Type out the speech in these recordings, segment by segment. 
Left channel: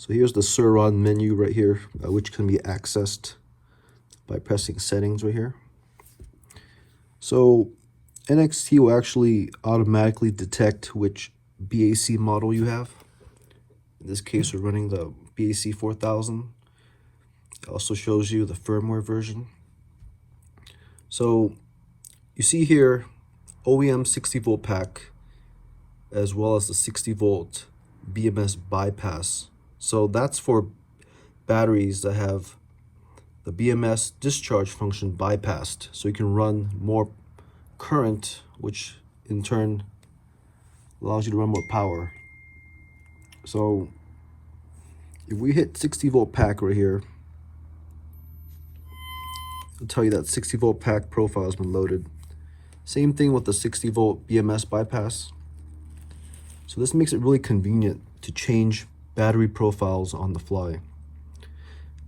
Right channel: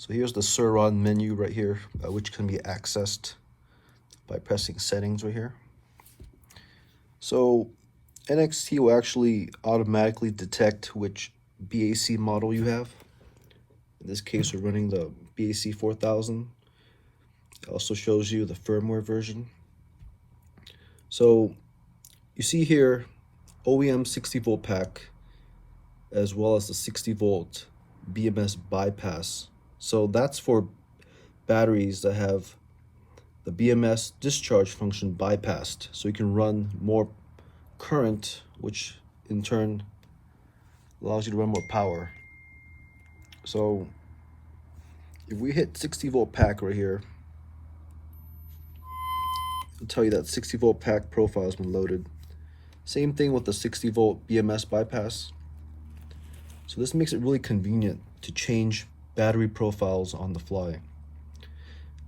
So here's the Surron menu right here, which can be accessed by pressing settings right here. So NXT will actually automatically detect which BAC model you have. In this case, we're running the BAC4000. It also shows you the firmware version. So you see here OEM 60 volt pack as well as the 60 volt BMS bypass. So that's for batteries that have the BMS discharge function bypassed, so you can run more current, which in turn allows you to run more power. So if we hit 60 volt pack right here, it'll tell you that 60 volt pack profile has been loaded. Same thing with the 60 volt BMS bypass. So this makes it really convenient to change battery profiles on the fly.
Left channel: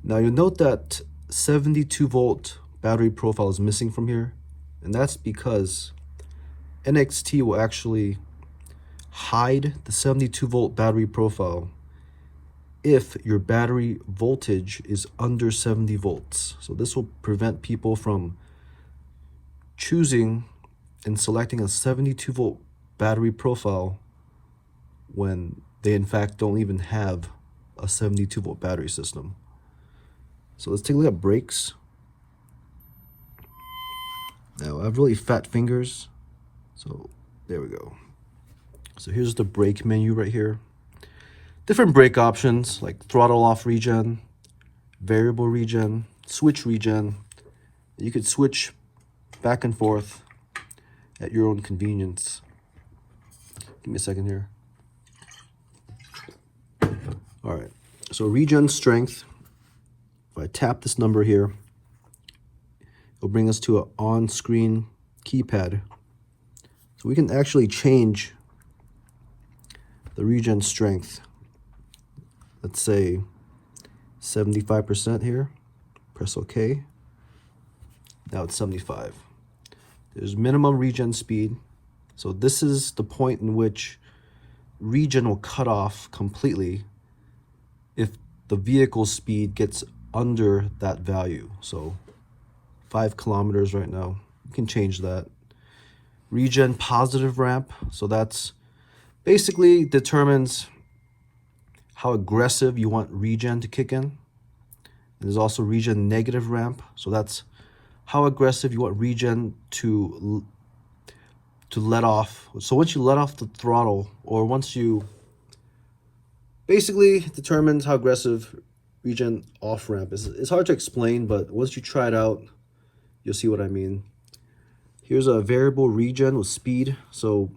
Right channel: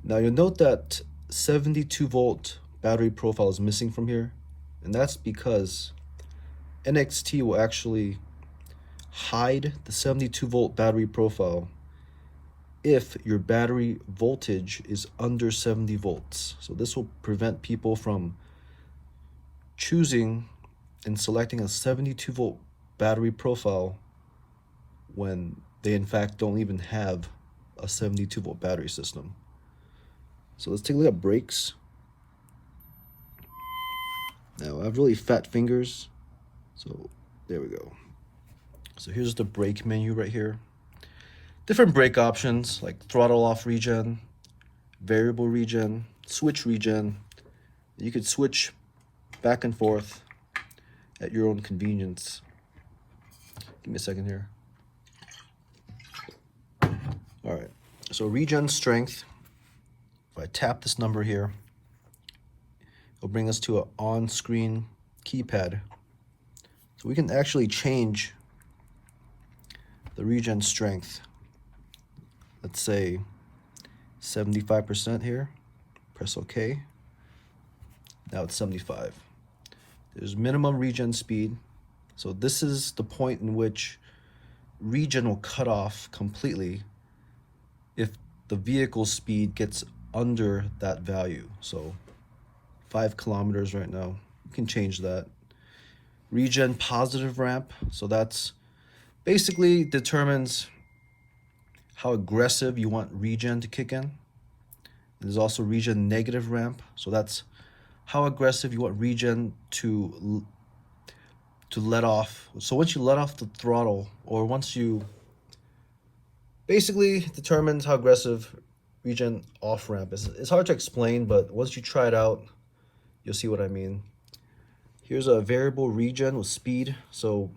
Now you'll note that 72 volt battery profile is missing from here, and that's because NXT will actually hide the 72 volt battery profile if your battery voltage is under 70 volts. So this will prevent people from choosing and selecting a 72 volt battery profile when they in fact don't even have a 72 volt battery system. So let's take a look at brakes. Now I have really fat fingers, so there we go. So here's the brake menu right here. Different brake options like throttle off regen, variable regen, switch regen. You could switch back and forth at your own convenience. Give me a second here. All right, so Regen Strength, if I tap this number here, it'll bring us to an on-screen keypad. So we can actually change the Regen Strength. Let's say 75% here, press OK. Now it's 75. There's minimum regen speed. So this is the point in which regen will cut off completely if the vehicle speed gets under that value. So 5 kilometers right now, you can change that. Regen positive ramp, so that's basically determines how aggressive you want regen to kick in. There's also regen negative ramp, so that's how aggressive you want regen to let off. So once you let off the throttle, or once you basically determines how aggressive regen off ramp is. It's hard to explain, but once you try it out, you'll see what I mean. Here's a variable regen with speed. So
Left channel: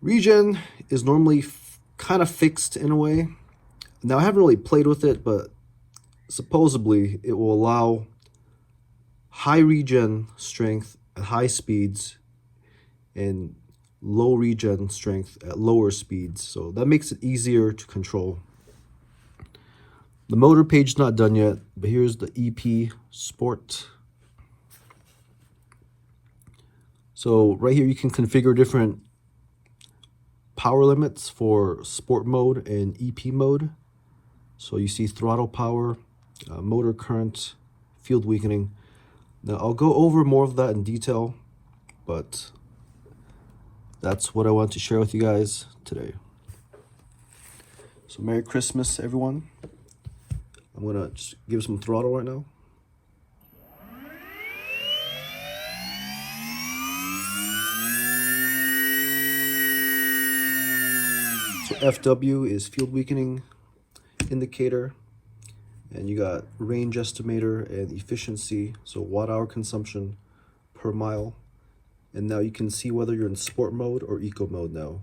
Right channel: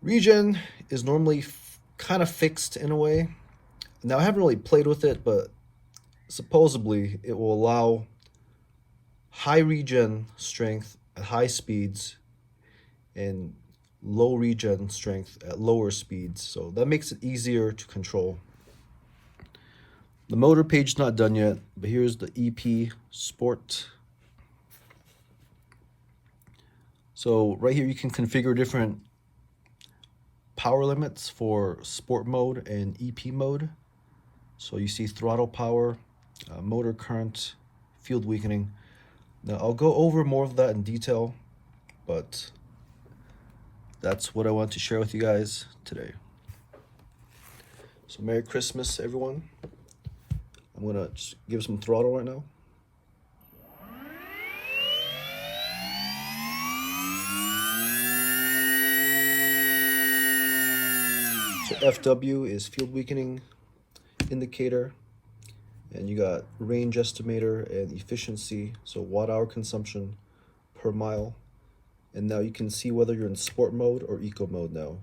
regen is normally kind of fixed in a way. Now I haven't really played with it, but supposedly it will allow high regen strength at high speeds and low regen strength at lower speeds. So that makes it easier to control. The motor page is not done yet, but here's the EP Sport. So right here you can configure different power limits for sport mode and EP mode. So you see throttle power, motor current, field weakening. Now I'll go over more of that in detail, but that's what I want to share with you guys today. So Merry Christmas, everyone. I'm gonna just give some throttle right now. So FW is field weakening indicator, and you got range estimator and efficiency, so watt hour consumption per mile. And now you can see whether you're in sport mode or eco mode now.